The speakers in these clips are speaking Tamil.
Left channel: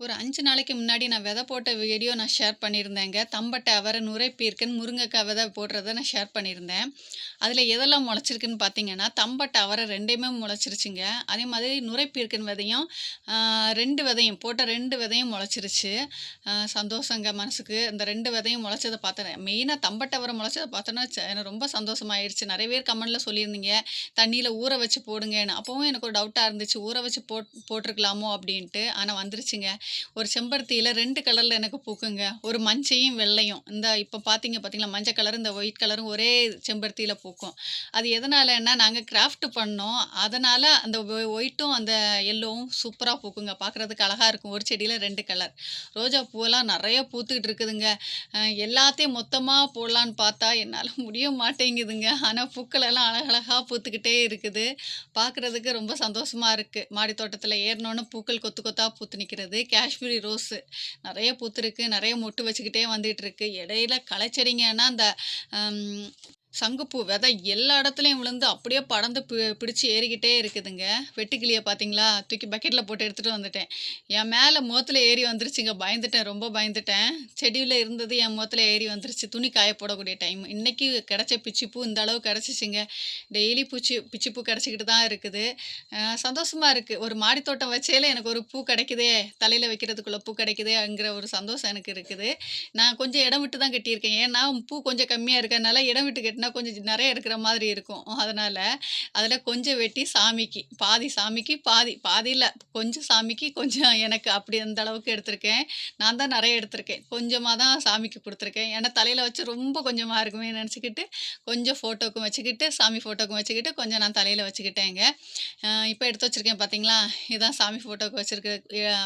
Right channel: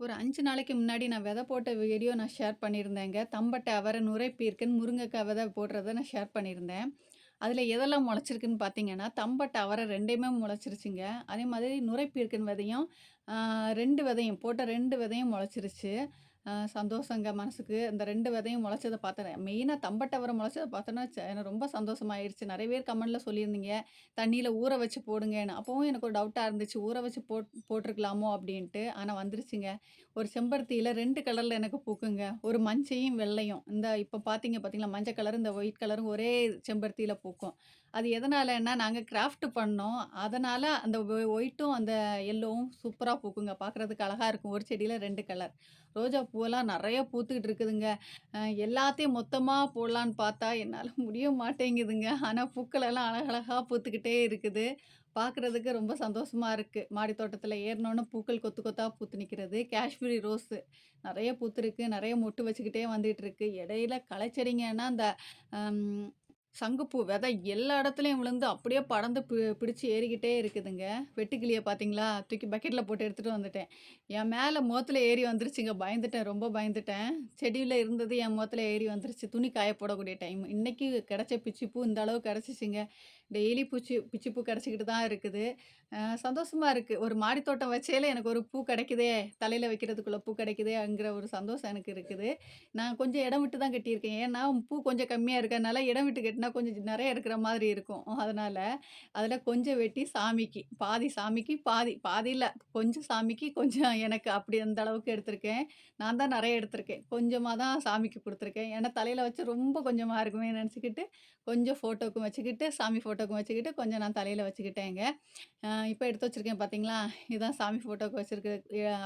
ஒரு 5 நாளைக்கு முன்னாடி நான் விதை போட்ட வீடியோ நான் ஷேர் பண்ணியிருந்தேங்க. தம்பட்டை, அவரை, நுரைப்பீர்க்கன், முருங்கைக்காய் விதை போடுறத நான் ஷேர் பண்ணியிருந்தேன். அதில எதெல்லாம் முளைச்சிருக்குன்னு பார்த்தீங்கன்னா, தம்பட்டை, அவரை 2யுமே முளைச்சிருச்சுங்க. அதே மாதிரி நுரைப்பீர்க்கன் விதையும் 2 விதையும் போட்ட 2 விதையும் முளைச்சிருச்சு. சந்தோஷங்க மனசுக்கு. இந்த 2 விதையும் முளைச்சத பார்த்தேன். மெயினா தம்பட்டை, அவரை முளைச்சத பார்த்தோன்னா, எனக்கு ரொம்ப சந்தோஷமாயிருச்சு. நெறைய பேர் கமெண்ட்ல சொல்லியிருந்தீங்க, தண்ணீல ஊற வச்சு போடுங்கன்னு. அப்பவும் எனக்கு ஒரு டவுட்டா இருந்துச்சு. ஊற வச்சு போட்டுருக்கலாமோ அப்டின்ட்டு. ஆனா வந்துருச்சுங்க. ஒரு செம்பருத்தியில 2 கலர்ல எனக்கு பூக்குங்க. ஒரு மஞ்சயும், வெள்ளையும். இந்த இப்ப பார்த்தீங்களா, மஞ்ச கலர், இந்த ஒயிட் கலரும் ஒரே செம்பருத்தியில பூக்கும். அது எதனாலன்னா, நாங்க கிராஃப்ட் பண்ணோம். அதனால அந்த ஒயிட்டும், அந்த எல்லோவும் சூப்பரா பூக்குங்க. பார்க்குறதுக்கு அழகா இருக்கும். ஒரு செடியில 2 கலர். ரோஜா பூவெல்லாம் நெறைய பூத்துக்கிட்டு இருக்குதுங்க. எல்லாத்தையும் மொத்தமா போடலான்னு பார்த்தா, என்னால முடிய மாட்டேங்குதுங்க. ஆனா பூக்கள் எல்லாம் அழகழகா பூத்துக்கிட்டே இருக்குது. பார்க்குறதுக்கு ரொம்ப சந்தோஷமா இருக்கு. மாடி தோட்டத்தில ஏறுனோனே பூக்கள் கொத்து கொத்தா பூத்து நிக்கிறது. காஷ்மீரி ரோஸு நெறைய பூத்திருக்கு. நெறைய மொட்டு வச்சுக்கிட்டே வந்துட்டுருக்கு. இடையில களைச்செடிங்கன்னா, அந்த அம் சங்குப்பூ விதை எல்லா இடத்துலயும் விழுந்து அப்படியே படர்ந்து பிடிச்சு ஏறிக்கிட்டே இருக்குதுங்க. வெட்டுக்கிளிய பார்த்தீங்களா? தூக்கி பக்கெட்ல போட்டு எடுத்துட்டு வந்துட்டேன். என் மேல முகத்துல ஏறி வந்துருச்சுங்க. பயந்துட்டேன், ரொம்ப பயந்துட்டேன். செடியில இருந்தது என் முகத்துல ஏறி வந்துருச்சு. துணி காய போடக்கூடிய டைம். இன்னைக்கு கிடைச்ச பிச்சிப்பூ இந்த அளவு கிடைச்சிச்சுங்க. டெய்லி பிச்சிப்பூ கிடைச்சிக்கிட்டு தான் இருக்குது. சந்தோஷமா இருக்கு. ஒரு மாடி தோட்டம் வச்சேலே எனக்கு ஒரு பூ கிடைக்குதே, தலையில வைக்கிறதுக்குள்ள பூ கிடைக்குதேங்கிற ஒரு சந்தோஷம் எனக்கு இருக்குது. நான் கொஞ்சம் இடம் விட்டு தான் கட்டியிருக்கேன். ஏன்னா, பூ கொஞ்சம் கம்மியா இருக்கறனால, இடம் விட்டு கட்டினா கொஞ்சம் நெறைய இருக்கிற மாதிரி இருக்கும். அதனால, அதில கொஞ்சம் வெட்டி சாமிக்கு, பாதி சாமிக்கு, பாதி பாதி இல்ல, கொஞ்சம் சாமிக்கு, கொஞ்சம் எனக்கு அப்படி அந்த அளவுக்கு எடுத்திருக்கேன். நான் தான் நெறைய எடுத்திருக்கேன். கொஞ்சமா தான் சாமிக்கு குடுத்துருக்கேன். ஏன்னா, தலையில வச்சு ரொம்ப கொஞ்சமா இருக்குமே நெனச்சுக்கிட்டு, கொஞ்சம் ஃபோட்டோக்கும் வச்சுக்கிட்டு, சாமி ஃபோட்டோக்கும் வச்சுக்கிட்டு, கொஞ்சம் நான் தலையில வச்சுக்கிட்டேங்க. இப்ப எடுத்து வச்சிருக்கேன் பார்த்தீங்களா? இதான் சாமி ஃபோட்டோக்கு வச்சிருக்க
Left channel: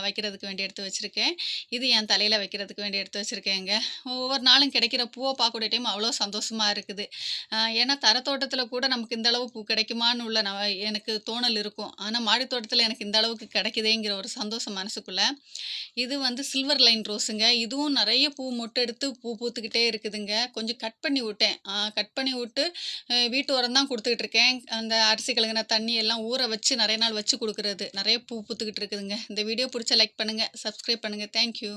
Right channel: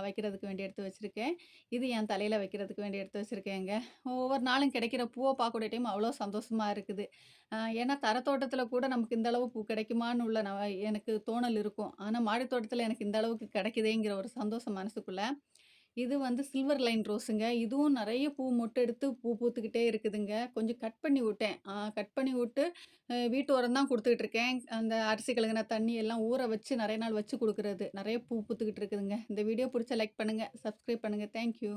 வைக்கிறதுக்கு வேண்டி எடுத்து வச்சிருக்கேன். இது என் தலையில வைக்கிறதுக்கு வேண்டி எடுத்து வச்சிருக்கேங்க. ஒவ்வொரு நாளும் கிடைக்கிற பூவ பார்க்கக்கூடிய டைம் அவ்வளோ சந்தோஷமா இருக்குது. ஏன்னா தோட்டத்தில கூட நமக்கு இந்த அளவு பூ கிடைக்குமான்னு உள்ள எனக்கு தோணல் இருக்கும். ஆனா மாடி தோட்டத்தில எனக்கு இந்த அளவுக்கு கிடைக்குதேங்கிற ஒரு சந்தோஷம் மனசுக்குள்ள. இது வந்து சில்வர் லைன் ரோஸுங்க. இதுவும் நெறைய பூ மொட்டு எடுத்து பூ பூத்துக்கிட்டே இருக்குதுங்க. கொஞ்சம் கட் பண்ணி விட்டேன். கட் பண்ணி விட்டு வீட்டு உரம் தான் குடுத்துக்கிட்டு இருக்கேன். அந்த அரிசி கழுகுன தண்ணி எல்லாம் ஊற வச்சு நெறைய நாள் வச்சு குடுக்குறது. நெறைய பூ பூத்துக்கிட்டு இருக்குதுங்க. இந்த வீடியோ புடிச்சா லைக் பண்ணுங்க, சப்ஸ்கிரைப் பண்ணுங்க. Thank you.